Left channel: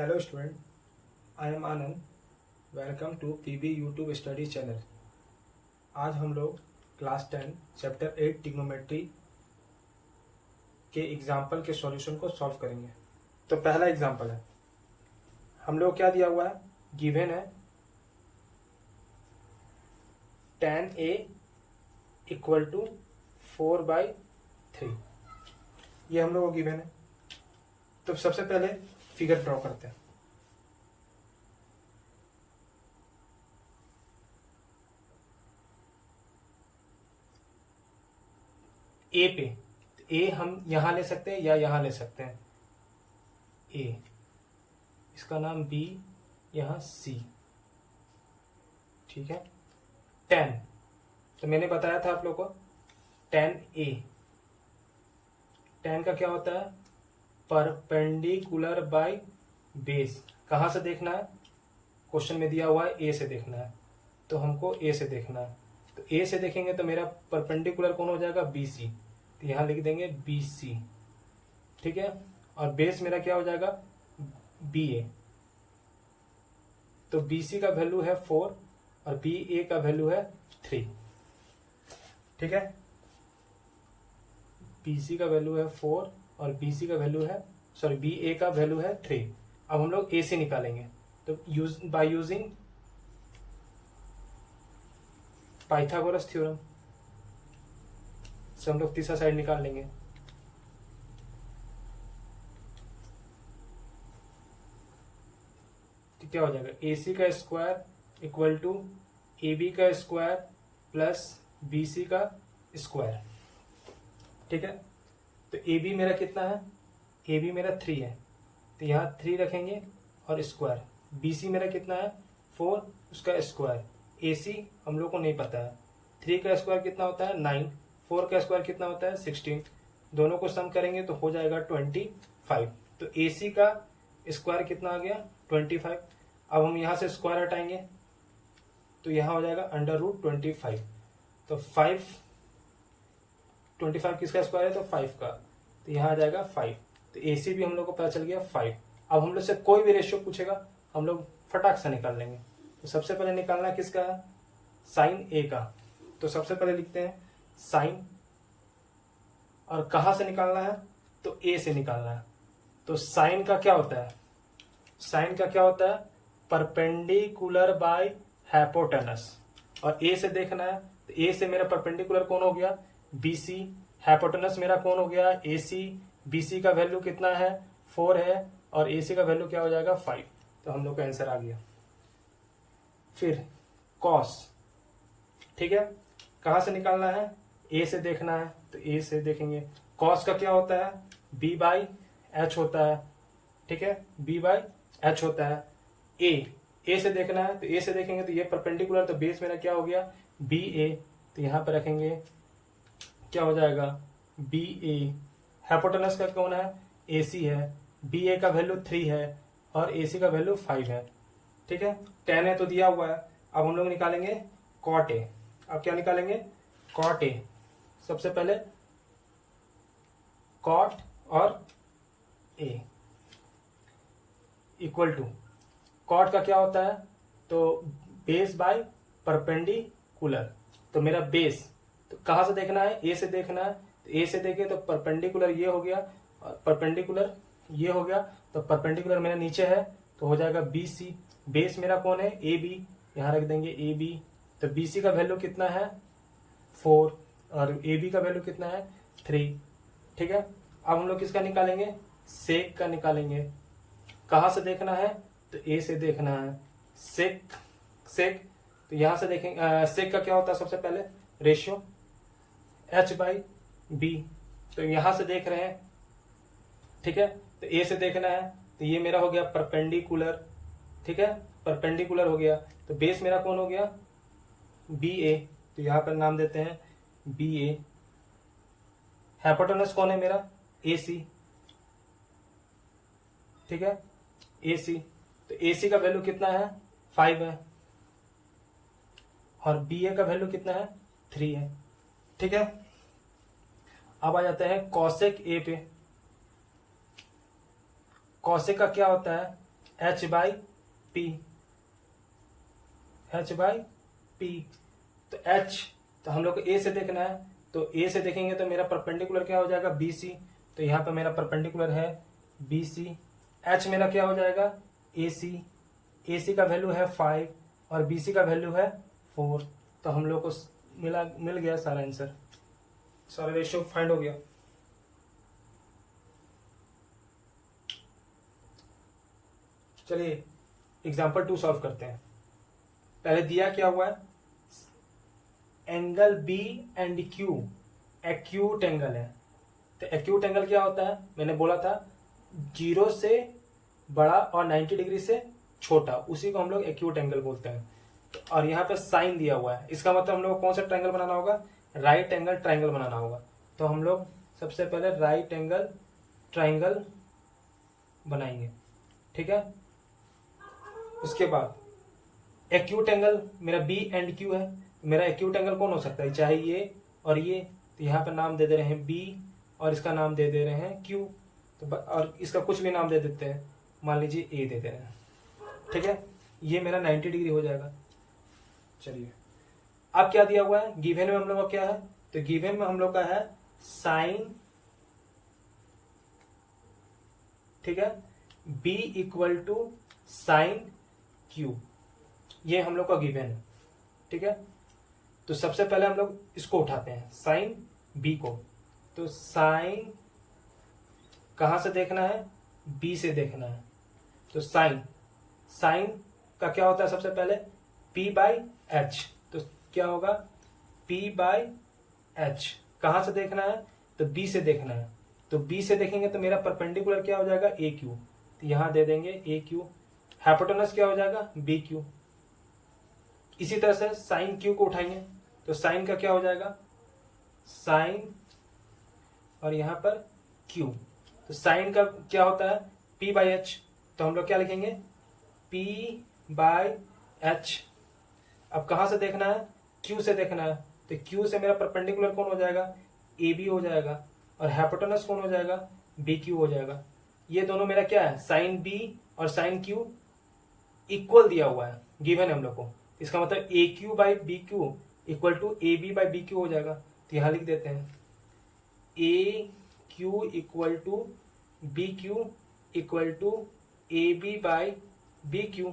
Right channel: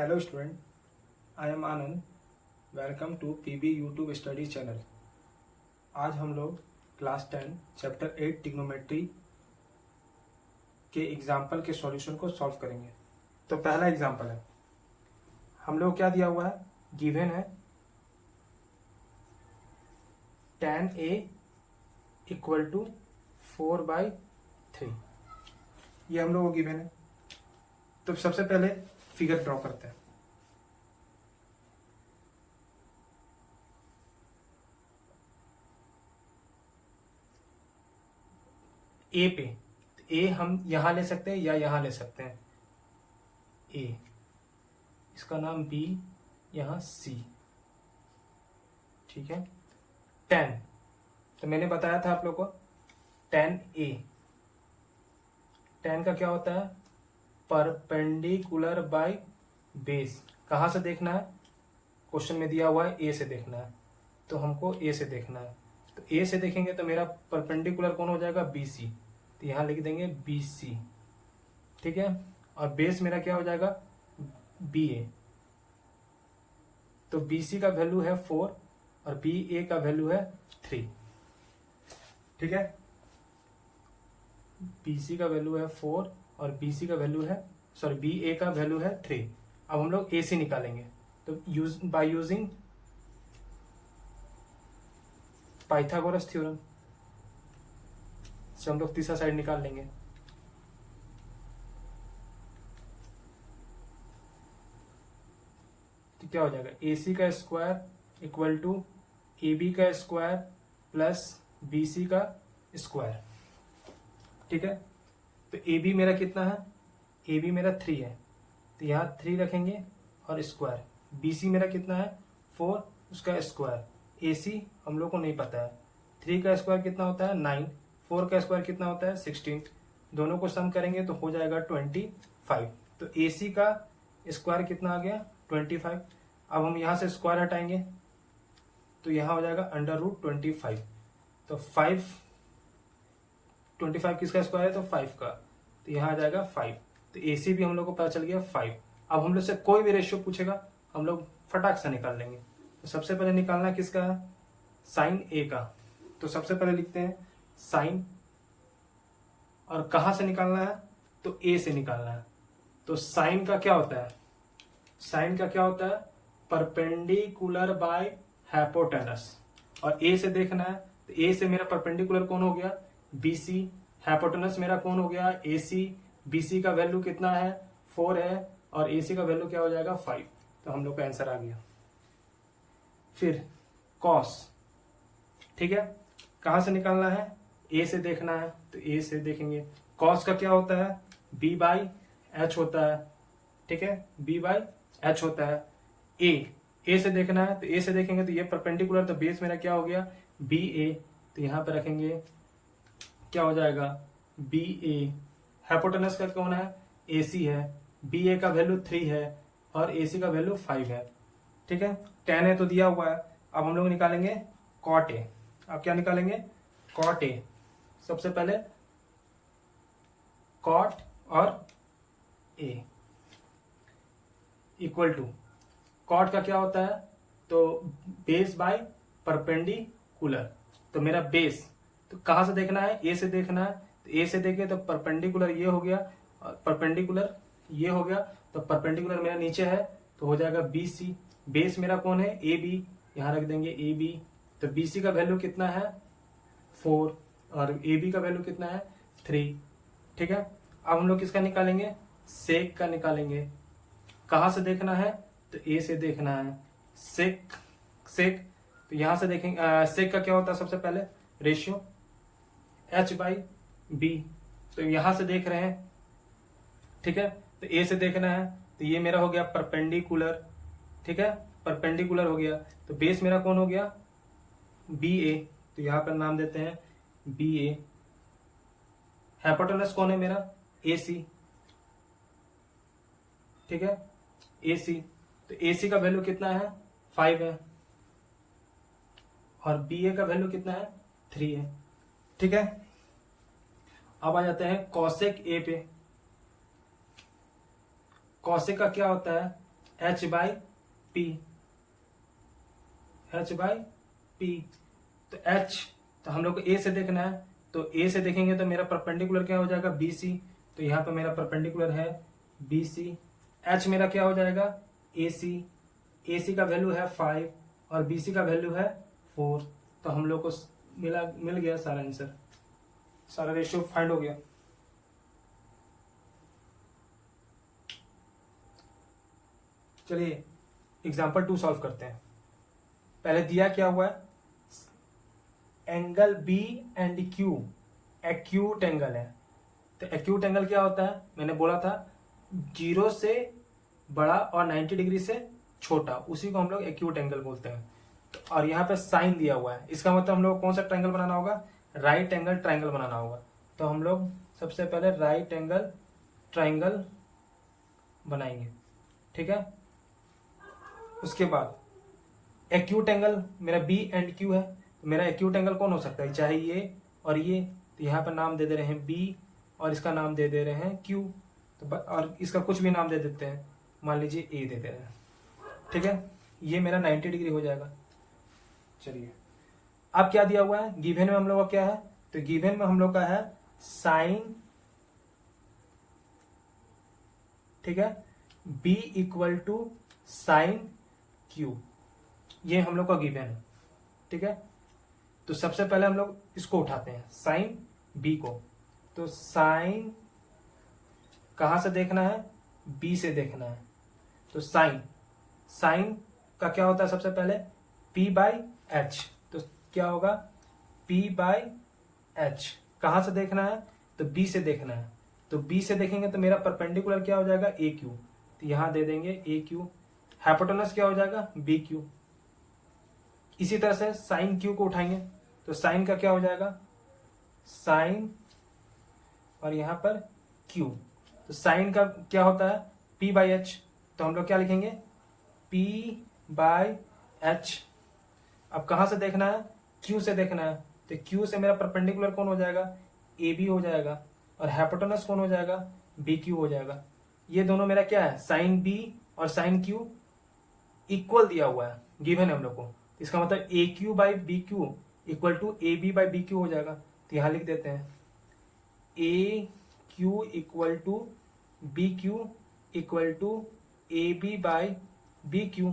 Hello student, I am Anand. Welcome to PB YouTube Study Channel. आज हम लोग class 10 chapter 8 trigonometry के example के सॉल्यूशन को सॉल्व करेंगे। तो पहला एग्जाम्पल है, हम लोग क्या दिया हुआ है, गिवन है tan A इक्वल टू 4/3। ये हम लोग को गिवन है। तो सबसे पहले फिगर ड्रॉ करते हैं। ए पे ए हम यहां ले सकते हैं या यहां ले सकते हैं। ए, इसका नाम बी, यहां सी, ठीक है। tan, तो मैंने बताया था आप लोग को tan A, tan का क्या होता है, परपेंडिकुलर बाय बेस। कहां से देखना है, क्वेश्चन में दिया हुआ है ए से देखना है, तो हमको ए से देखना है। तो ए से देखेंगे तो मेरा परपेंडिकुलर कौन हो जाएगा, बी सी, तो यहां लिख देंगे बी सी, ठीक है। और बेस मेरा क्या हो जाएगा, बी ए। तो बी सी का वैल्यू है 4 और बी ए का वैल्यू है 3, ठीक है। बी सी का वैल्यू है 4 और बी सी का वैल्यू है, सॉरी, बी ए का वैल्यू है 3। अब हम लोग ए सी निकालेंगे। तो बाय यूजिंग पाइथागोरस थ्योरम से हम लोग तीसरा साइड निकाल लेंगे। तो क्या हो जाएगा, ए सी का square equal to A B का स्क्वायर प्लस बी सी का स्क्वायर, ठीक है। तो ए बी मेरा कितना है, ए बी मेरा 3 है, तो यहाँ 3 रखेंगे और स्क्वायर। बी सी मेरा कितना है, 4, उसका स्क्वायर। ए सी हम लोग को नहीं पता है, 3 का स्क्वायर कितना होता है 9, 4 का स्क्वायर कितना होता है 16। दोनों को सम करेंगे तो हो जाएगा 25। तो ए सी का स्क्वायर कितना आ गया 25। अब हम यहाँ से स्क्वायर हटाएंगे तो यहाँ हो जाएगा √25। तो 25 किसका स्क्वायर है, तो 5 का, तो यहाँ आ जाएगा 5। तो ए सी भी हम लोग को पता चल गया 5। अब हम लोग से कोई भी रेशियो पूछेगा हम लोग फटाक से निकाल लेंगे। तो सबसे पहले निकालना है किसका है, साइन ए का। तो सबसे पहले लिखते हैं साइन, और कहां से निकालना है, तो ए से निकालना है। तो साइन का क्या होता है, साइन का क्या होता है, परपेंडिकुलर बाय हाइपोटेनस। और ए से देखना है, तो ए से मेरा परपेंडिकुलर कौन हो गया, बी सी, हाइपोटेनस मेरा कौन हो गया, ए सी। बी सी का वैल्यू कितना है 4 है, और ए सी का वैल्यू क्या हो जाएगा 5। तो हम लोग का आंसर आ गया। फिर कॉस, ठीक है, कहां से निकालना है, ए से देखना है, तो ए से देखेंगे। कॉस का क्या होता है, बी बाई एच होता है, ठीक है, बी बाई एच होता है। ए से देखना है, तो ए से देखेंगे तो ये परपेंडिकुलर, तो बेस मेरा क्या हो गया बी ए, तो यहां पर रखेंगे क्या हो जाएगा बी ए। हाइपोटेनस का कौन है, ए सी है, बी ए का वैल्यू 3 है और ए सी का वैल्यू 5 है, ठीक है। 10 है तो दिया हुआ है। अब हम लोग निकालेंगे कॉट ए। अब क्या निकालेंगे, कॉट ए। सबसे पहले कॉट और ए इक्वल टू, कॉट का क्या होता है, तो बेस बाय परपेंडिकुलर। तो मेरा बेस, तो कहां से देखना है, ए से देखना है, तो ए से देखे तो परपेंडिकुलर ये हो गया और परपेंडिकुलर ये हो गया। तो परपेंडिकुलर मेरा नीचे है तो हो जाएगा बी सी। बेस मेरा कौन है, ए बी, यहां रख देंगे ए बी। तो बी सी का वैल्यू कितना है 4 और ए बी का वैल्यू कितना है 3, ठीक है। अब हम लोग किसका निकालेंगे, सेक का निकालेंगे। कहां से देखना है, तो ए से देखना है। सेक सेक, तो यहां से देखेंगे सेक का क्या होता है, सबसे पहले रेशियो एच बाई बी। तो यहां से देख रहे हैं, ठीक है। तो ए से देखना है, तो ये मेरा हो गया परपेंडिकुलर, ठीक है, परपेंडिकुलर हो गया। तो बेस मेरा कौन हो गया बी ए, तो यहां पर नाम देते हैं बी ए। हाइपोटेनस कौन है मेरा, ए सी, ठीक है, ए सी। तो ए सी का वैल्यू कितना है 5 है और बी ए का वैल्यू कितना है 3 है, ठीक है। अब आ जाते हैं कॉसेक ए पे। कॉसेक का क्या होता है, h by P, h by P. तो h तो हम लोग को a से देखना है, तो a से देखेंगे तो मेरा परपेंडिकुलर क्या हो जाएगा, बी सी। तो यहाँ पे मेरा परपेंडिकुलर है बी सी। h मेरा क्या हो जाएगा, ए सी। ए सी का वैल्यू है 5 और बी सी का वैल्यू है 4। तो हम लोग को मिल गया सारा आंसर, सारा रेशियो फाइंड हो गया। चलिए एग्जाम्पल 2 सॉल्व करते हैं। पहले दिया क्या हुआ है, angle B and Q acute angle है। तो एक्यूट एंगल क्या होता है, मैंने बोला था 0 से बड़ा और 90 डिग्री से छोटा, उसी को हम लोग एक्यूट एंगल बोलते हैं। और यहाँ पे साइन दिया हुआ है, इसका मतलब हम लोग कौन सा ट्रायंगल बनाना होगा, राइट एंगल ट्रायंगल बनाना होगा। तो हम लोग सबसे पहले राइट एंगल ट्रायंगल बनाएंगे, ठीक है। उसके बाद एक्यूट एंगल मेरा बी एंड क्यू है, मेरा एक्यूट एंगल कौन हो सकता है, चाहे ये और ये। तो यहाँ पे नाम दे दे रहे हैं बी और इसका नाम दे दे रहे हैं क्यू, तो और इसका कुछ भी नाम दे देते हैं, मान लीजिए ए दे दे रहे हैं, ठीक है। ये मेरा 90 डिग्री हो जाएगा। चलिए अब क्या दिया हुआ है, गिवन में हम लोग का क्या है, तो गिवन में हम लोग का है साइन, ठीक है, B equal to sine Q, ये हम लोग का गिवन है, ठीक है। तो सबसे पहले हम लोग इसको उठाते हैं साइन बी को। तो साइन कहां से देखना है, बी से देखना है। तो साइन का क्या होता है, सबसे पहले P बाई एच। तो क्या होगा, P बाई एच। कहां से देखना है, तो B से देखना है। तो B से देखेंगे तो मेरा परपेंडिकुलर क्या हो जाएगा, ए क्यू। तो यहां दे देंगे ए क्यू। हाइपोटेनस क्या हो जाएगा, बी क्यू। इसी तरह से साइन क्यू को उठाएंगे, तो साइन का क्या हो जाएगा, साइन और यहां पर क्यू। तो साइन का क्या होता है, P बाई एच। तो हम लोग क्या लिखेंगे, P बाई एच। अब कहां से देखना है, Q से देखना है। तो Q से मेरा परपेंडिकुलर कौन हो जाएगा, AB हो जाएगा, और हाइपोटेनस कौन हो जाएगा, BQ हो जाएगा। ये दोनों मेरा क्या है, साइन B और साइन Q इक्वल दिया हुआ है, गिवन है हम लोग को। इसका मतलब AQ by BQ equal to AB by BQ हो जाएगा। तो यहां लिख देते हैं AQ equal to BQ equal to AB by BQ।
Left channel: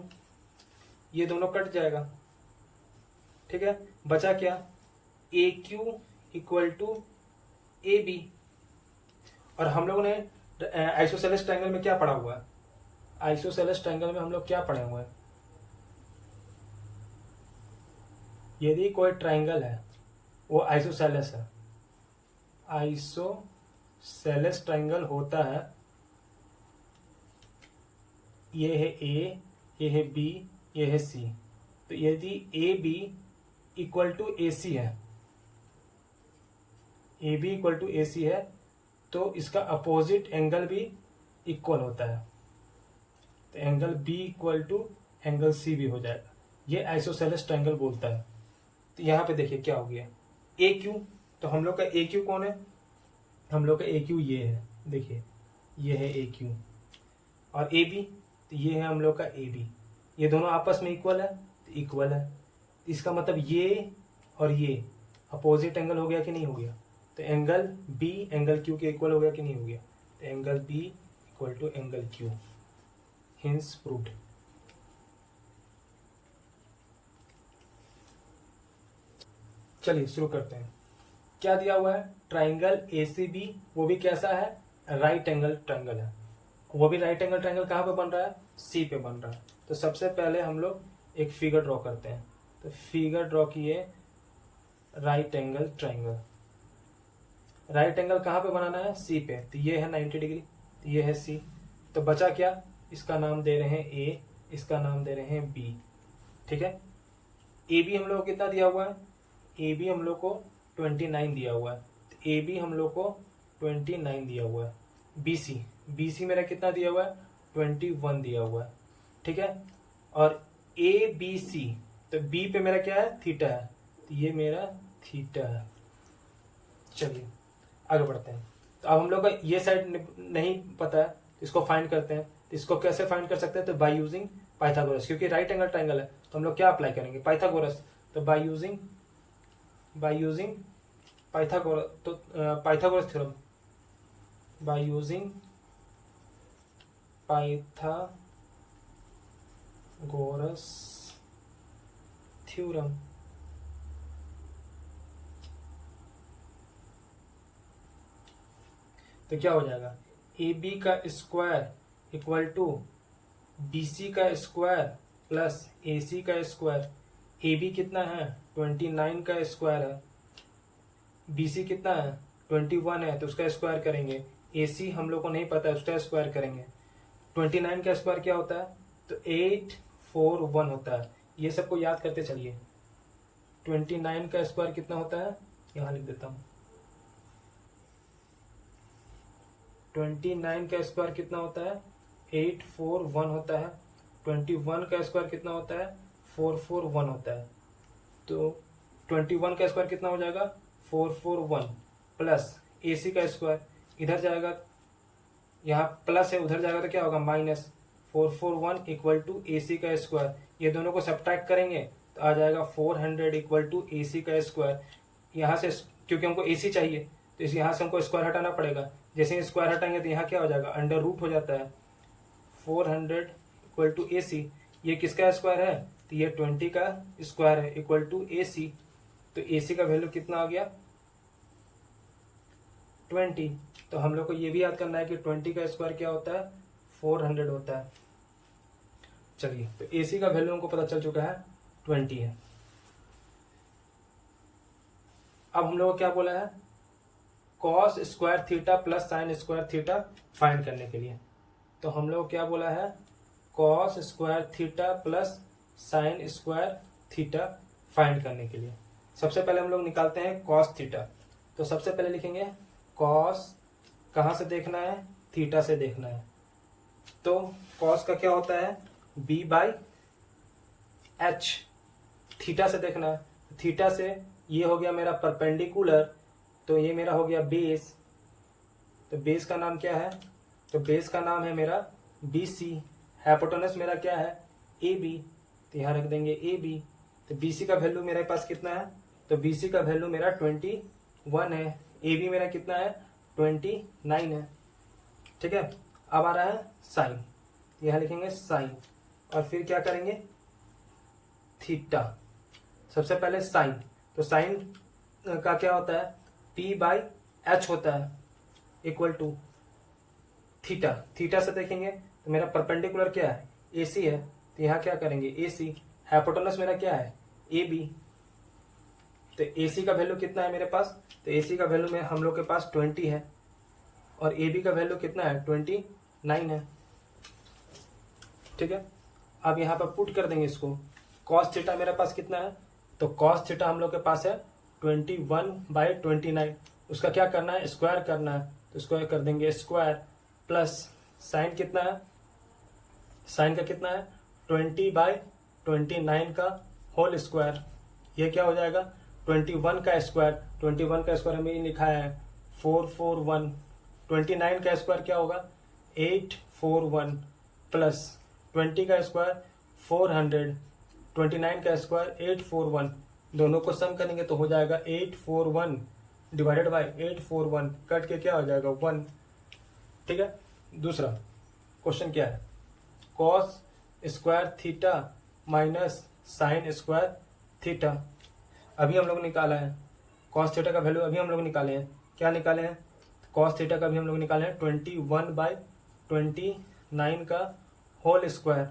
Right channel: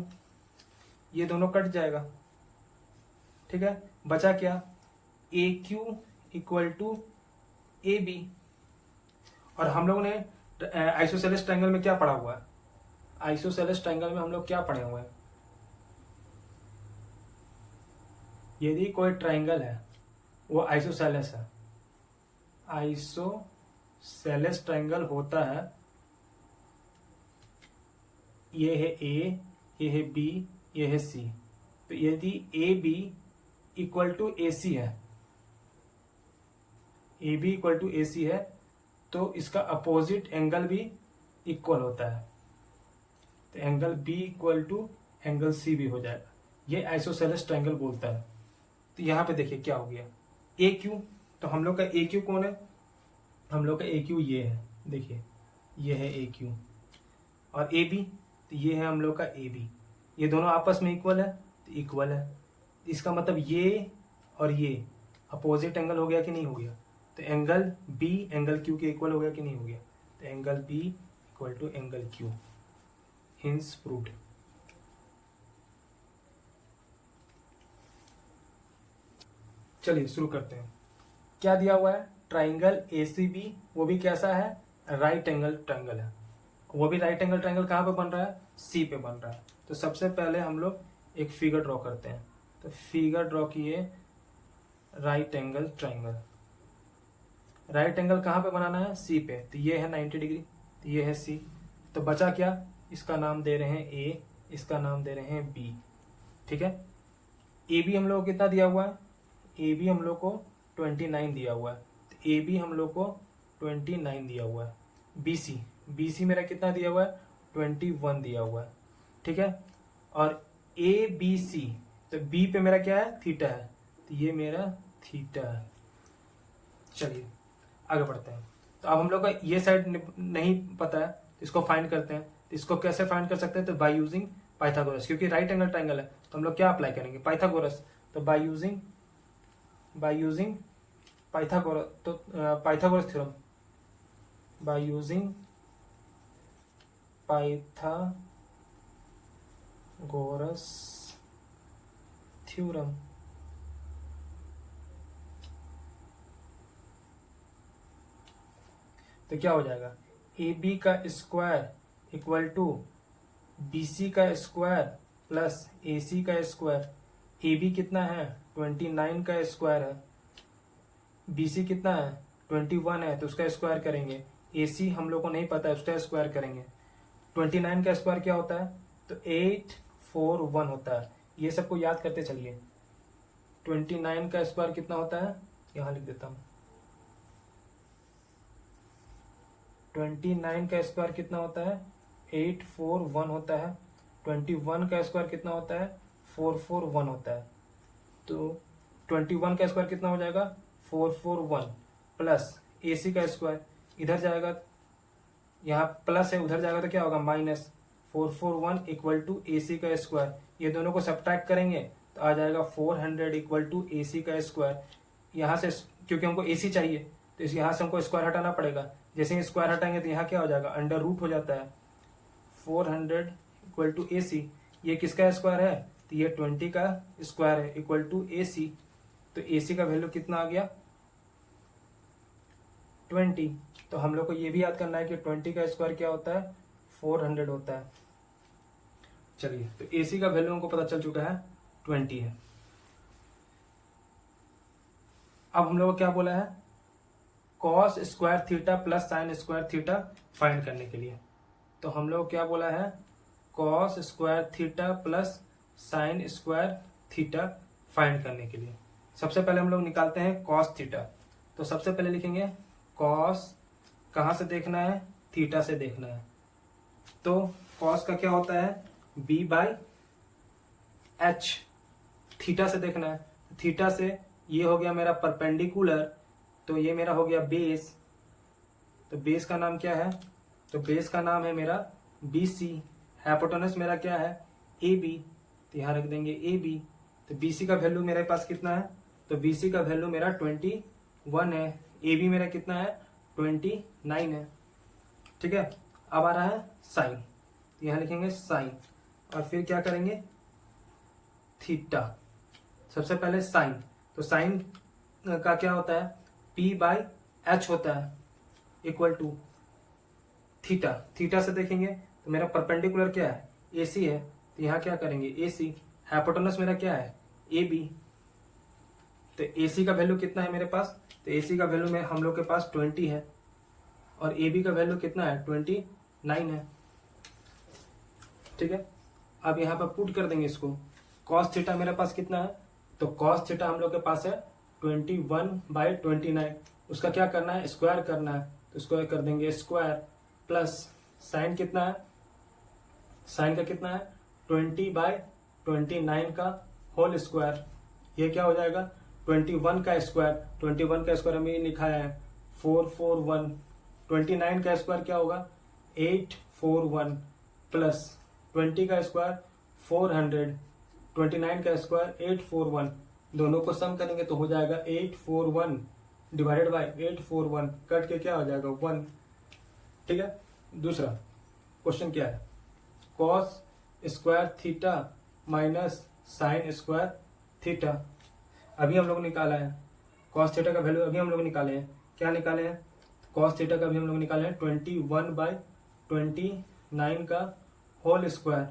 ये दोनों कट जाएगा, ठीक है। बचा क्या, AQ इक्वल टू AB। और हम लोगों ने आइसोसेलेस ट्रायंगल में क्या पढ़ा हुआ है, आइसोसेलेस ट्रायंगल में हम लोग क्या पढ़े हुए हैं, यदि कोई ट्रायंगल है वो आइसोसेलेस है, आइसोसेलेस ट्रायंगल होता है, ये है ए, ये है बी, ये है सी। तो यदि ए बी इक्वल टू ए सी है, ए बी इक्वल टू ए सी है, तो इसका अपोजिट एंगल भी इक्वल होता है। तो angle B equal to angle C भी हो जाएगा। ये आइसोसेलेस ट्रायंगल बोलता है। तो यहाँ पे देखिए क्या हो गया, ए क्यू। तो हम लोग का ए क्यू कौन है, हम लोग का ए क्यू ये है, देखिए ये है ए क्यू। और ए बी, तो ये है हम लोग का ए बी। ये दोनों आपस में इक्वल है, तो इक्वल है। इसका मतलब ये और ये अपोजिट एंगल हो गया कि नहीं हो गया। तो एंगल बी एंगल क्यू के इक्वल हो गया कि नहीं हो गया। तो angle B equal to angle Q, hence proved. चलिए शुरू करते हैं। क्या दिया हुआ है, ट्राइंगल ACB, वो भी कैसा है, राइट एंगल ट्राइंगल है। वो भी राइट एंगल ट्राइंगल कहाँ पे बन रहा है, सी पे बन रहा है। तो सबसे पहले हम लोग एक फिगर ड्रॉ करते हैं। तो फिगर ड्रॉ किए right angle triangle. Right angle कहाँ पे बनाना है, सी पे। तो ये है 90 डिग्री, तो ये है सी। तो बचा क्या, इसका नाम दे रहे हैं ए, इसका नाम दे रहे हैं बी, ठीक है। ए बी हम लोग को कितना दिया हुआ है, ए बी हम लोग को 29 दिया हुआ है। तो ए बी हम लोग को 29 दिया हुआ है। बी सी मेरा कितना दिया हुआ है, 21 दिया हुआ है, ठीक है। और ए बी सी, तो बी पे मेरा क्या है, थीटा है। तो ये मेरा थीटा है। चलिए आगे बढ़ते हैं। तो अब हम लोग का ये साइड नहीं पता है, इसको फाइंड करते हैं। तो इसको कैसे फाइंड कर सकते हैं? तो बाय यूजिंग पाइथागोरस, क्योंकि राइट एंगल ट्राइंगल है तो हम लोग क्या अप्लाई करेंगे? पाइथागोरस। तो बाय यूजिंग पाइथागोरस, तो Pythagoras theorem, by using Pythagoras theorem. तो क्या हो जाएगा? ए बी का square equal to B C का स्क्वायर प्लस ए सी का स्क्वायर। ए बी कितना है? 29 का स्क्वायर है। बी सी कितना है? 21 है, तो उसका स्क्वायर करेंगे। ए सी हम लोग को नहीं पता है, उसका स्क्वायर करेंगे। 29 का स्क्वायर क्या होता है? तो 841 होता है। ये सबको याद करते चलिए। 29 का स्क्वायर कितना होता है? यहां लिख देता हूं। 29 का स्क्वायर कितना होता है? 841 होता है। 21 का स्क्वायर कितना होता है? 441 होता है। तो 21 का स्क्वायर कितना हो जाएगा? 441 प्लस ए सी का स्क्वायर, इधर जाएगा, यहाँ प्लस है, उधर जाएगा तो क्या होगा? Minus. 441 equal to A C का स्क्वायर। ये दोनों को सब्ट्रैक्ट करेंगे तो आ जाएगा 400 इक्वल टू ए सी का स्क्वायर। यहाँ से क्योंकि हमको ए सी चाहिए तो इस यहाँ से हमको स्क्वायर हटाना पड़ेगा। जैसे ही स्क्वायर हटाएंगे तो यहाँ क्या हो जाएगा? अंडर रूट हो जाता है। 400 इक्वल टू ए सी, ये किसका स्क्वायर है? तो ये 20 का स्क्वायर है इक्वल टू ए सी। तो ए सी का वैल्यू कितना आ गया? 20। तो हम लोग को ये भी याद करना है कि 20 का स्क्वायर क्या होता है? 400 होता है। चलिए, तो ए सी का वैल्यू हमको पता चल चुका है 20 है। अब हम लोग को क्या बोला है? Cos square theta plus sine square theta find करने के लिए। तो हम लोग क्या बोला है? Cos square theta plus sine square theta find करने के लिए सबसे पहले हम लोग निकालते हैं कॉस थीटा। तो सबसे पहले लिखेंगे कॉस, कहां से देखना है? थीटा से देखना है। तो कॉस का क्या होता है? B by H. थीटा से देखना है, थीटा से ये हो गया मेरा परपेंडिकुलर, तो ये मेरा हो गया बेस। तो बेस का नाम क्या है? तो बेस का नाम है मेरा बी सी। हाइपोटेनस मेरा क्या है? A B. तो यहां रख देंगे ए बी। तो बी सी का वैल्यू मेरे पास कितना है? तो बी सी का वैल्यू मेरा 21 है। ए बी मेरा कितना है? 29 है। ठीक है। अब आ रहा है साइन, यहां लिखेंगे साइन और फिर क्या करेंगे? थीटा। सबसे पहले साइन, तो साइन का क्या होता है? पी बाई एच होता है इक्वल टू थीटा। थीटा से देखेंगे तो मेरा परपेंडिकुलर क्या है? ए सी है, तो यहां क्या करेंगे? ए सी। हाइपोटेनस मेरा क्या है? A B. तो ए सी का वैल्यू कितना है मेरे पास? तो ए सी का वैल्यू में हम लोग के पास 20 है और ए बी का वैल्यू कितना है? 29 है। ठीक है। अब यहाँ पर पुट कर देंगे इसको। कॉस थीटा मेरे पास कितना है? तो कॉस थीटा हम लोग के पास है 21/29। उसका क्या करना है? स्क्वायर करना है, तो स्क्वायर कर देंगे स्क्वायर प्लस साइन कितना है? साइन का कितना है? 20/29 का होल स्क्वायर। ये क्या हो जाएगा? 21 का स्क्वायर। 21 का स्क्वायर हमें लिखा है 441। 29 का स्क्वायर क्या होगा? 841 प्लस 20 का स्क्वायर 400, 29 का स्क्वायर 841। दोनों को सम करेंगे तो हो जाएगा 841 डिवाइडेड बाई 841, कट के क्या हो जाएगा? 1। ठीक है। दूसरा क्वेश्चन क्या है? Cos square theta minus sine square theta. अभी हम लोग निकाला है कॉस थीटा का वैल्यू, अभी हम लोग निकाले हैं। क्या निकाले हैं? कॉस थीटा का भी हम लोग निकाले हैं 21/29 का होल स्क्वायर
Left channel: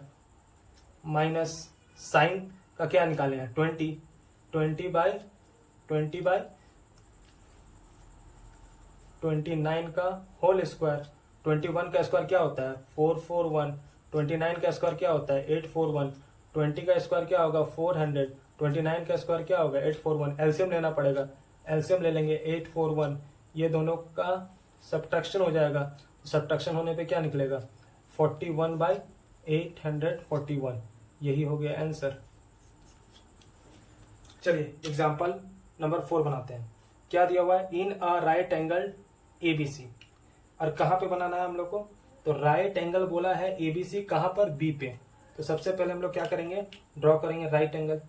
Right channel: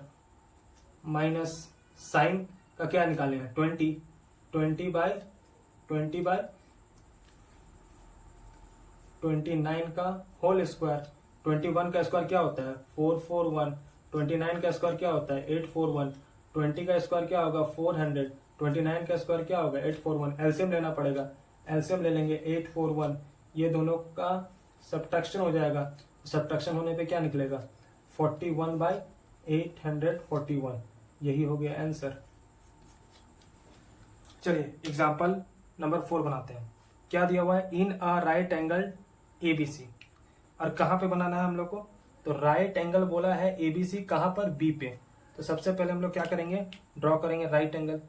माइनस साइन का क्या निकाले हैं? 20/29 का होल स्क्वायर। 21 का स्क्वायर क्या होता है? 441। 29 का स्क्वायर क्या होता है? 841। 20 का स्क्वायर क्या होगा? 400। 29 का स्क्वायर क्या होगा? 841। एलसीएम लेना पड़ेगा, एलसीएम ले लेंगे 841। ये दोनों का सब्ट्रैक्शन हो जाएगा, सब्ट्रैक्शन होने पे क्या निकलेगा? 41/841। यही हो गया आंसर। चलिए एग्जाम्पल नंबर 4 बनाते हैं। क्या दिया हुआ है? इन अ राइट एंगल एबीसी। और कहाँ पे बनाना है हम लोग को? तो राइट एंगल बोला है एबीसी कहां पर, बी पे। तो सबसे पहले हम लोग क्या करेंगे, ड्रॉ करेंगे राइट एंगल।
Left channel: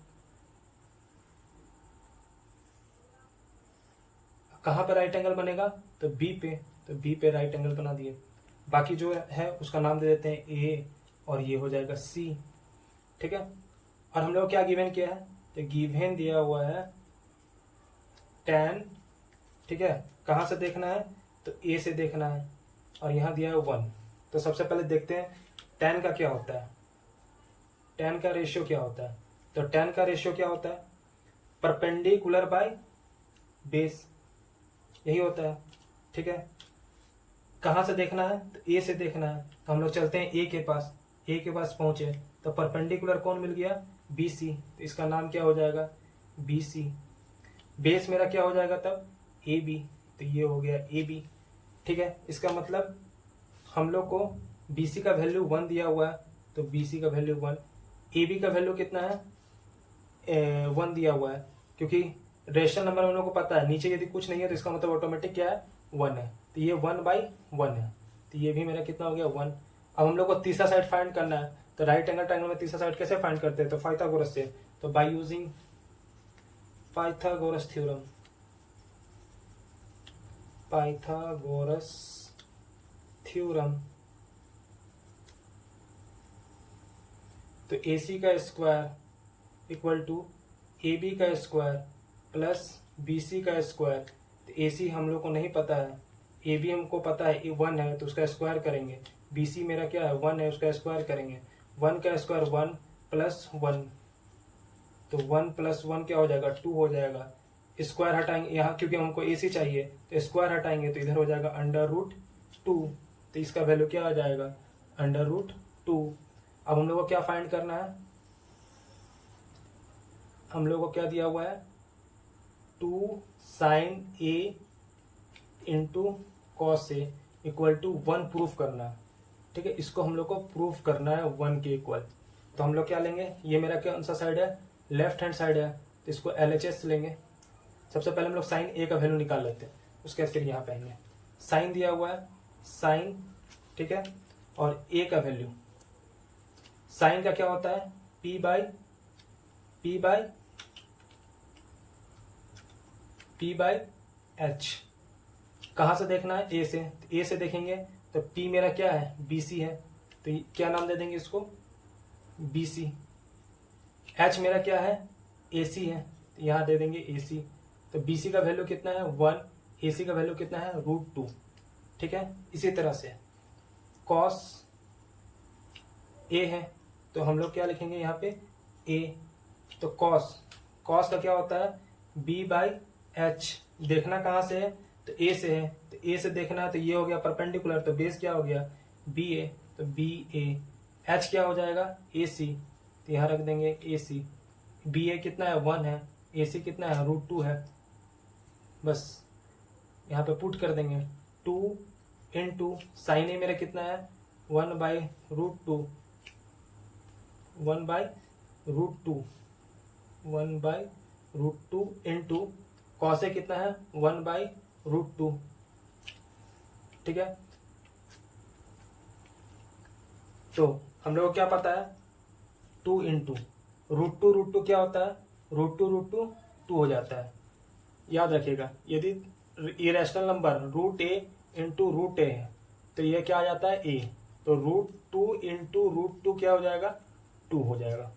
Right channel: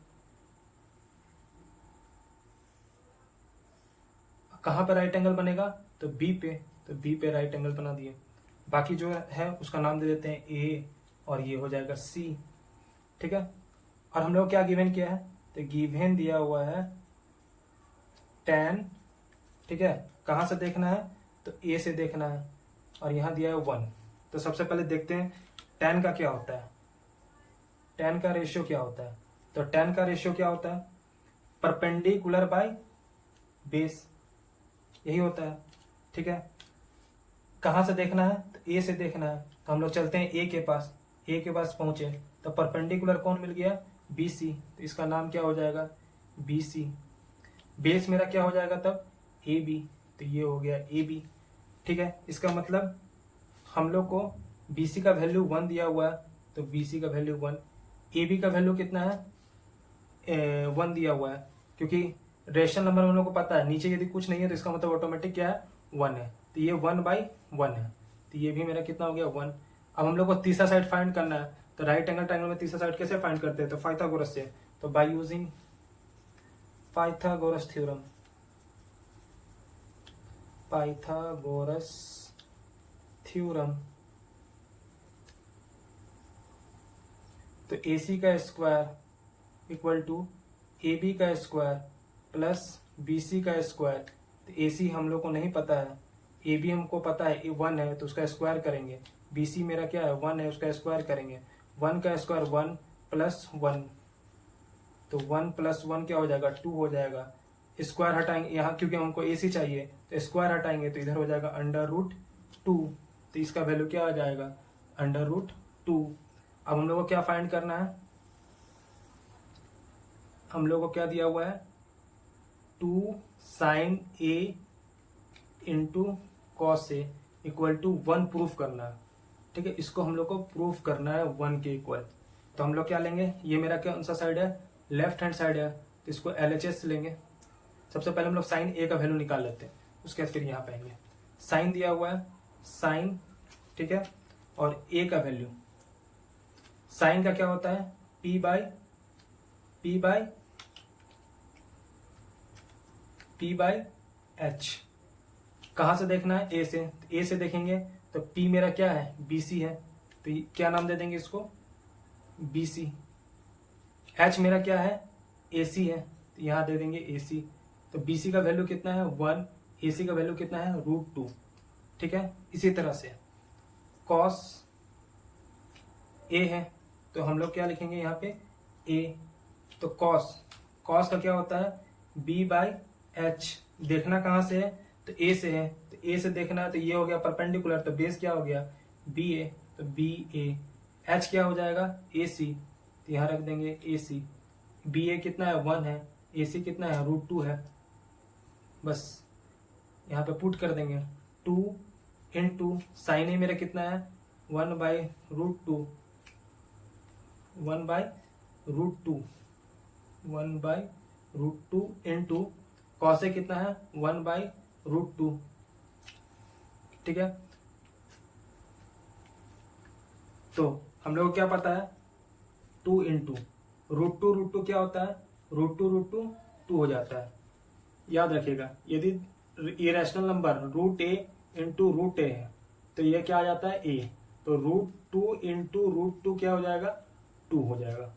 कहां पर राइट एंगल बनेगा, तो बी पे। तो बी पे राइट एंगल बना दिए। बाकी जो है उसका नाम दे देते हैं ए, और ये हो जाएगा सी। ठीक है, और हम लोग क्या गिवन किया है, तो गिवन दिया हुआ है tan। ठीक है, कहां से देखना है, तो ए से देखना है, और यहां दिया है 1। तो सबसे पहले देखते हैं tan का क्या होता है, tan का रेशियो क्या होता है। तो tan का रेशियो क्या होता है, परपेंडिकुलर बाय बेस, यही होता है। ठीक है, कहां से देखना है, तो ए से देखना है। तो हम लोग चलते हैं ए के पास, ए के पास पहुंचे तो परपेंडिकुलर कौन मिल गया, बी सी। तो इसका नाम क्या हो जाएगा, बी सी। बेस मेरा क्या हो जाएगा तब, ए बी। तो ये हो गया ए बी। ठीक है, इसका मतलब हम लोग को बी सी का वैल्यू 1 दिया हुआ है, तो बी सी का वैल्यू 1। ए बी का वैल्यू कितना है, 1 दिया हुआ है, क्योंकि रेशनल नंबर हम लोग को पता है, नीचे यदि कुछ नहीं है तो इसका मतलब ऑटोमेटिक क्या है, 1 है। तो ये 1/1 है, तो ये भी मेरा कितना हो गया, 1। अब हम लोग को तीसरा साइड फाइंड करना है, तो राइट एंगल ट्रायंगल में तीसरा साइड कैसे फाइंड करते हैं, तो पाइथागोरस से। तो by using Pythagoras theorem, Pythagoras theorem. तो ए सी का square equal to A B का स्क्वायर प्लस बी सी का स्क्वायर। तो ए सी हम लोग को नहीं पता है, ए बी हमको पता है 1 है, तो उसका स्क्वायर करेंगे। बी सी मेरा क्या है, 1 है, उसका स्क्वायर करेंगे। 1 का स्क्वायर 1 प्लस 1, तो 1 प्लस 1 क्या हो जाएगा, 2 हो जाएगा। स्क्वायर हटाएंगे यहाँ, क्योंकि हमको ए सी चाहिए, तो स्क्वायर हटाएंगे तो इधर हो जाएगा √2। तो इसका वैल्यू क्या आ जाएगा, √2। अब हम लोग को क्या फाइंड करना है, हम लोग को क्या दिया हुआ है, 2 sin A into cos A equal to 1 proof करना है। ठीक है, इसको हम लोग को प्रूफ करना है 1 के इक्वल। तो हम लोग क्या लेंगे, ये मेरा कौन सा साइड है, लेफ्ट हैंड साइड है, तो इसको LHS लेंगे। सबसे पहले हम लोग साइन ए का वैल्यू निकाल लेते हैं, उसके बाद फिर यहाँ पे आएंगे। साइन दिया हुआ है साइन, ठीक है, और ए का वैल्यू, साइन का क्या होता है, P बाई H। कहां से देखना है, ए से। ए से देखेंगे तो P मेरा क्या है, BC है, तो क्या नाम दे देंगे इसको, BC। H मेरा क्या है, AC है, तो यहां दे देंगे AC। तो BC का वैल्यू कितना है, 1, AC का वैल्यू कितना है, √2। ठीक है, इसी तरह से cos A है, तो हम लोग क्या लिखेंगे यहाँ पे, A। तो cos का क्या होता है, B/H। देखना कहां से है, तो A से है, तो A से देखना है, तो ये हो गया परपेंडिकुलर, तो बेस क्या हो गया, BA, तो BA। H क्या हो जाएगा, AC, तो यहाँ रख देंगे AC। BA कितना है, 1 है, AC कितना है, √2 है। बस यहाँ पे पुट कर देंगे, 2 इंटू साइन ए मेरा कितना है, 1/√2, 1/√2 इंटू कॉस ए कितना है, 1/√2। ठीक है, तो हम लोग को क्या पता है, 2 इंटू √2 क्या होता है, √2 2 हो जाता है। याद रखिएगा, यदि irrational number √a into √a है तो ये क्या आ जाता है, a। तो √2 इंटू √2 क्या हो जाएगा, 2 हो जाएगा।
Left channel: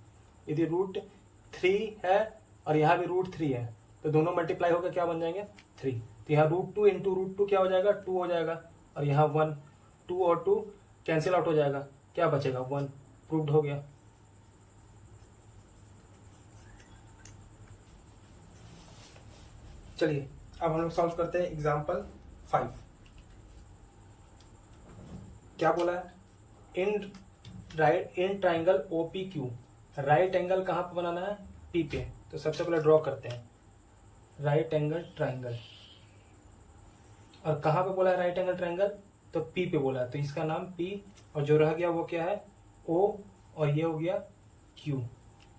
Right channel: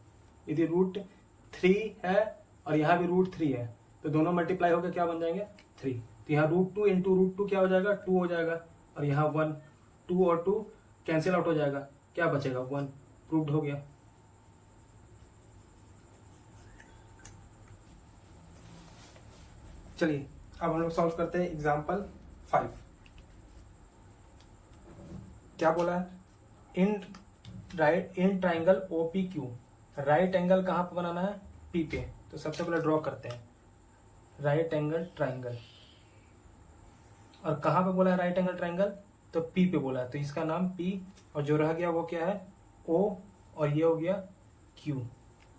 यदि √3 है और यहाँ भी √3 है तो दोनों मल्टीप्लाई होकर क्या बन जाएंगे, 3। तो यहाँ √2 इंटू √2 क्या हो जाएगा, 2 हो जाएगा, और यहाँ 1, 2 और 2 कैंसिल आउट हो जाएगा, क्या बचेगा, 1। प्रूव्ड हो गया। चलिए अब हम लोग सॉल्व करते हैं एग्जाम्पल 5। क्या बोला है, in triangle OPQ right angle कहां पे बनाना है, P पे। तो सबसे पहले ड्रॉ करते हैं राइट एंगल ट्राइंगल, और कहां पे बोला है राइट एंगल ट्राइंगल, तो P पे बोला है, तो इसका नाम P, और जो रह गया वो क्या है, O, और ये हो गया Q।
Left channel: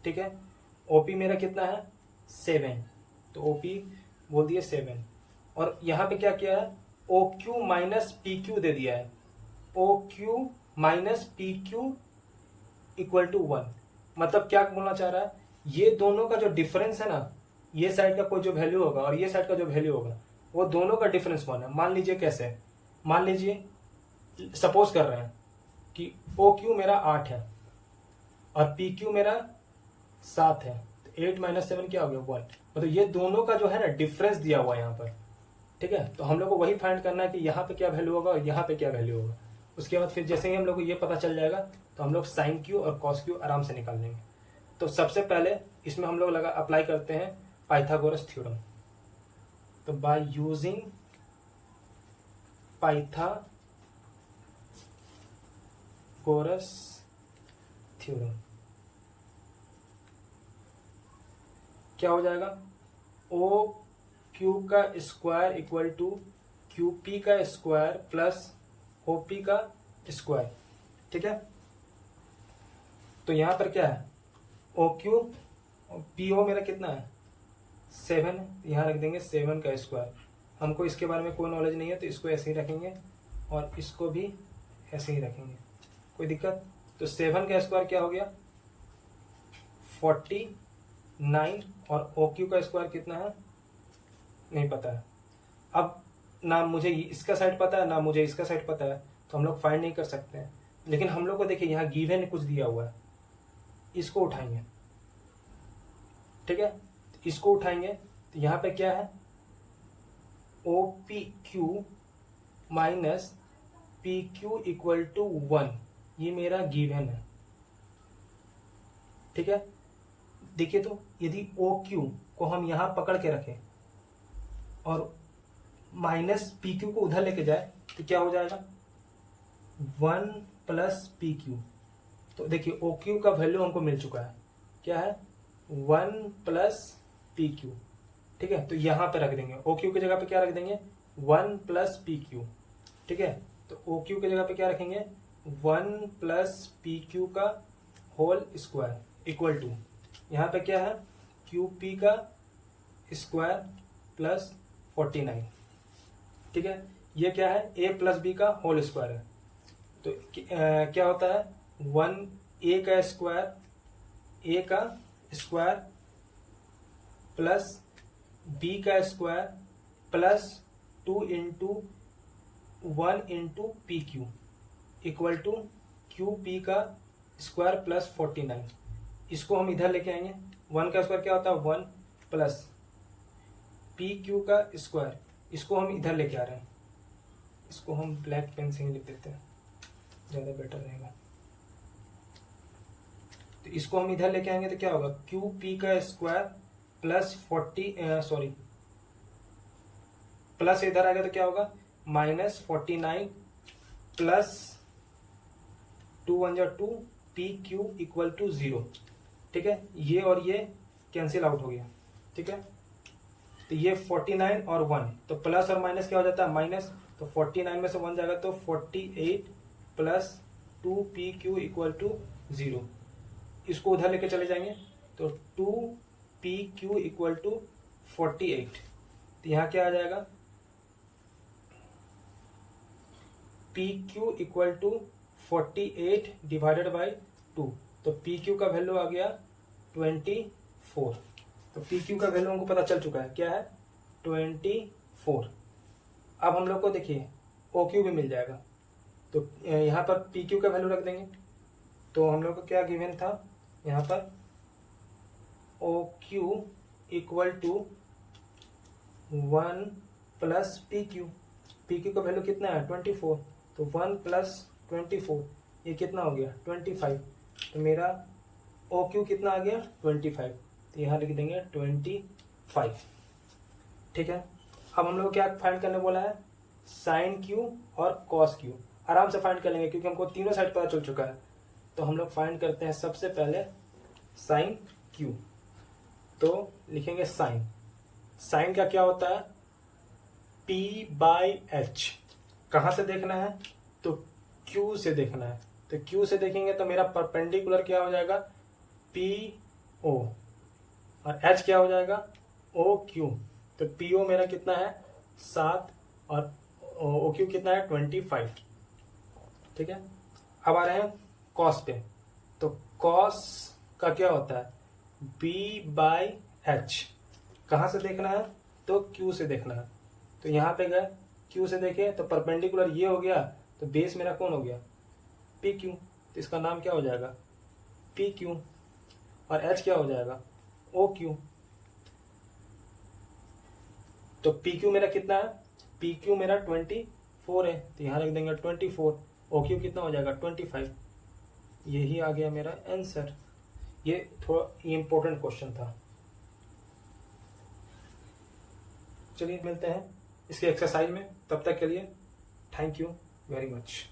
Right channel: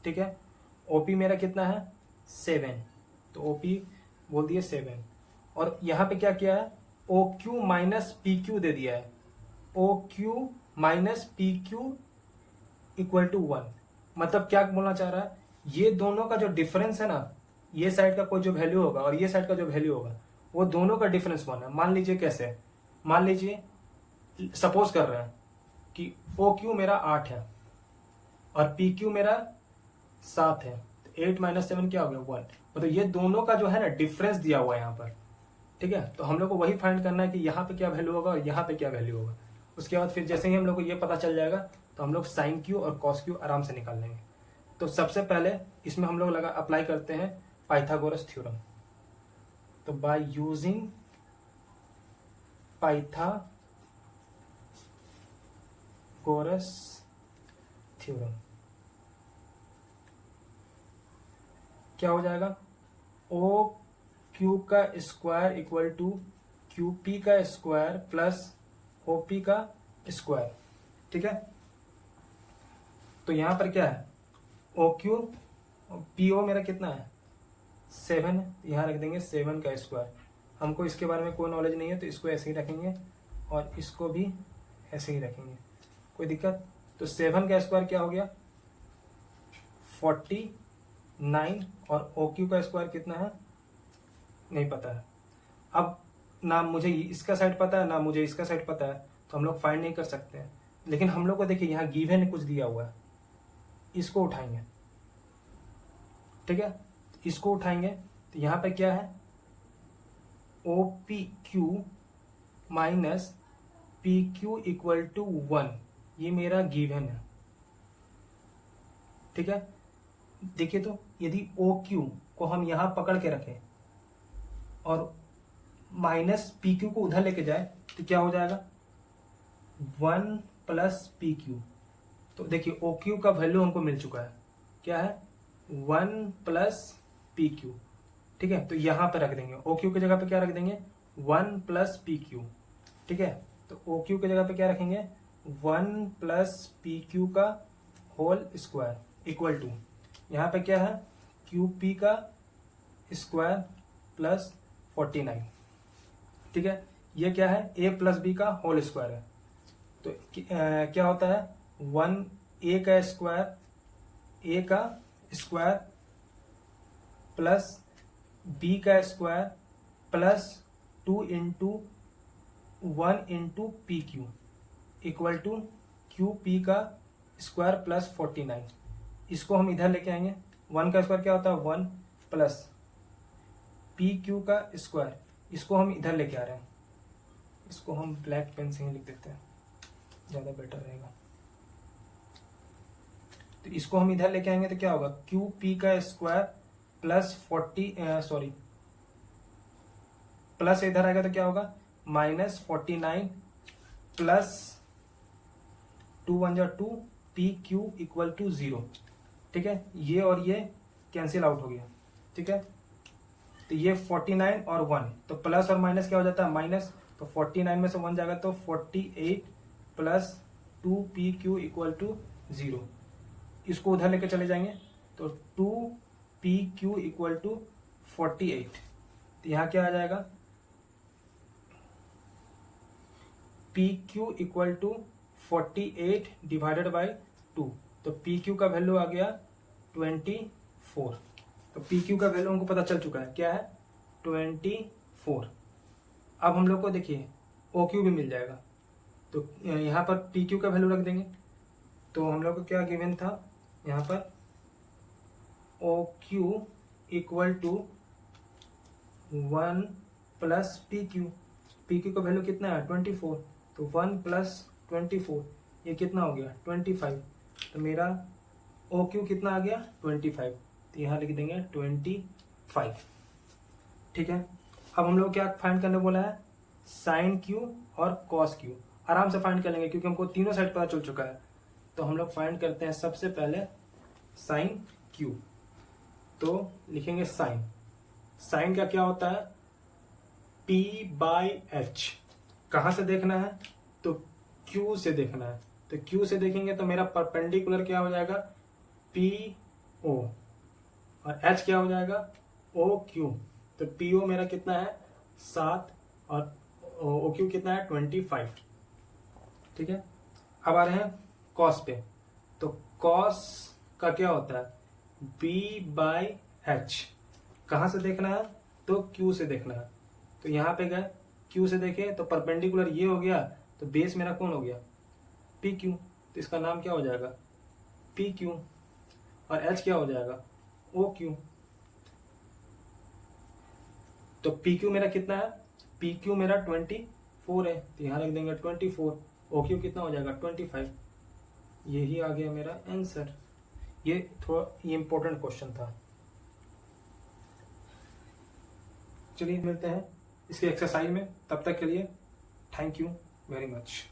ठीक है, OP मेरा कितना है, 7, तो OP बोल दिए 7, और यहाँ पे क्या किया है, OQ माइनस PQ दे दिया है। O Q minus P Q equal to 1। मतलब क्या बोलना चाह रहा है, ये दोनों का जो डिफरेंस है ना, ये साइड का कोई जो वैल्यू होगा और ये साइड का जो वैल्यू होगा, वो दोनों का डिफरेंस कौन है। मान लीजिए कैसे, मान लीजिए सपोज कर रहे हैं कि ओ क्यू मेरा 8 है और पी क्यू मेरा 7 है, 8 माइनस 7 क्या हो गया 1। मतलब ये दोनों का जो है ना डिफरेंस दिया हुआ है यहाँ पर, ठीक है। तो हम लोग को वही फाइंड करना है कि यहाँ पे क्या वैल्यू होगा और यहाँ पे क्या वैल्यू होगा। उसके बाद फिर जैसे ही हम लोग को ये पता चल जाएगा तो हम लोग साइन क्यू और कॉस क्यू आराम से निकाल लेंगे। तो सबसे पहले इसमें हम लोग अप्लाई करते हैं पाइथागोरस थ्योरम। तो बाय यूजिंग पाइथागोरस थ्योरम क्या हो जाएगा, ओ क्यू का square equal to Q P का स्क्वायर प्लस ओ पी का स्क्वायर, ठीक है। तो यहां पर क्या है, ओ क्यू पी ओ मेरा कितना है 7 है, यहां रख देंगे 7 का स्क्वायर। हमको इसके बारे में कोई नॉलेज नहीं है तो इसको ऐसे ही रखेंगे और इसको भी ऐसे ही रखेंगे, कोई दिक्कत। तो 7 का स्क्वायर क्या हो गया 49 और ओ क्यू का स्क्वायर कितना है नहीं पता है। अब ना मुझे इसका साइड पता है ना मुझे इसका साइड पता है, तो हम लोग फाइंड नहीं कर सकते हैं। लेकिन हम लोग को देखिए यहाँ गिवन कुछ दिया हुआ है, इसको उठाएंगे, ठीक है। इसको उठाएंगे तो यहाँ पे क्या है O P Q minus P Q equal to 1, ये मेरा गिवन है, ठीक है। देखिए तो यदि ओ क्यू को हम यहां पकड़ के रखें और माइनस पी क्यू को उधर लेके जाए तो क्या हो जाएगा 1 प्लस पी क्यू। तो देखिए ओ क्यू का वैल्यू हमको मिल चुका है, क्या है 1 प्लस पी क्यू, ठीक है। तो यहां पे रख देंगे ओ क्यू की जगह पे क्या रख देंगे 1 प्लस पी क्यू, ठीक है। तो ओ क्यू की जगह पे क्या रखेंगे 1 प्लस पी क्यू का होल स्क्वायर इक्वल टू यहाँ पे क्या है क्यू पी का स्क्वायर प्लस 49, ठीक है। ये क्या है ए प्लस बी का होल स्क्वायर है। तो क्या होता है 1 ए का स्क्वायर प्लस बी का square plus 2 into 1 into P Q equal to Q P का स्क्वायर प्लस 49। इसको हम इधर लेके आएंगे, 1 का स्क्वायर क्या होता है 1 प्लस पी क्यू का स्क्वायर, इसको हम इधर लेके आ रहे हैं। इसको हम ब्लैक पेन से ही लिख देते हैं, ज्यादा बेटर रहेगा। तो इसको हम इधर लेके आएंगे तो क्या होगा क्यू पी का स्क्वायर प्लस 40 प्लस इधर आएगा तो क्या होगा minus 49 plus 2 1 2 P Q equal to 0, ठीक है। ये और ये कैंसिल आउट हो गया, ठीक है। तो ये 49 और 1, तो प्लस और माइनस क्या हो जाता है माइनस, तो 49 में से 1 जाएगा तो 48 plus 2 P Q equal to 0। इसको उधर लेके चले जाएंगे तो 2 पी क्यू इक्वल टू 48। तो यहां क्या आ जाएगा P Q equal to 48 divided by 2। तो पी क्यू का वैल्यू आ गया 24। तो पी क्यू का वैल्यू हमको पता चल चुका है, क्या है 24। अब हम लोग को देखिए ओ क्यू भी मिल जाएगा, तो यहाँ पर पी क्यू का वैल्यू रख देंगे। तो हम लोग को क्या गिवन था यहाँ पर O Q equal to 1 plus P Q, P Q का वैल्यू कितना है 24, तो 1 प्लस 24 ये कितना हो गया 25। तो मेरा ओ क्यू कितना आ गया 25, तो यहाँ लिख देंगे 25, ठीक है। अब हम लोग क्या फाइंड करने बोला है साइन क्यू और कॉस क्यू, आराम से फाइंड कर लेंगे क्योंकि हमको तीनों साइड पता चल चुका है। तो हम लोग फाइंड करते हैं सबसे पहले साइन क्यू। तो लिखेंगे साइन, साइन का क्या होता है P बाई एच। कहां से देखना है तो Q से देखना है, तो Q से देखेंगे तो मेरा परपेंडिकुलर क्या हो जाएगा PO और H क्या हो जाएगा OQ। तो PO मेरा कितना है 7 और OQ कितना है 25। ठीक है। अब आ रहे हैं कॉस पे। तो कॉस का क्या होता है, B/H। कहाँ से देखना है, तो Q से देखना है। तो यहाँ पे गए Q से देखे तो परपेंडिकुलर ये हो गया, तो बेस मेरा कौन हो गया, PQ। तो इसका नाम क्या हो जाएगा, PQ। और H क्या हो जाएगा, OQ। तो PQ मेरा कितना है, PQ मेरा 24 है, तो यहाँ रख देंगे 24। OQ कितना हो जाएगा 25। यही आ गया मेरा आंसर। ये थोड़ा इंपॉर्टेंट क्वेश्चन था। चलिए मिलते हैं इसके एक्सरसाइज में, तब तक के लिए थैंक यू वेरी मच।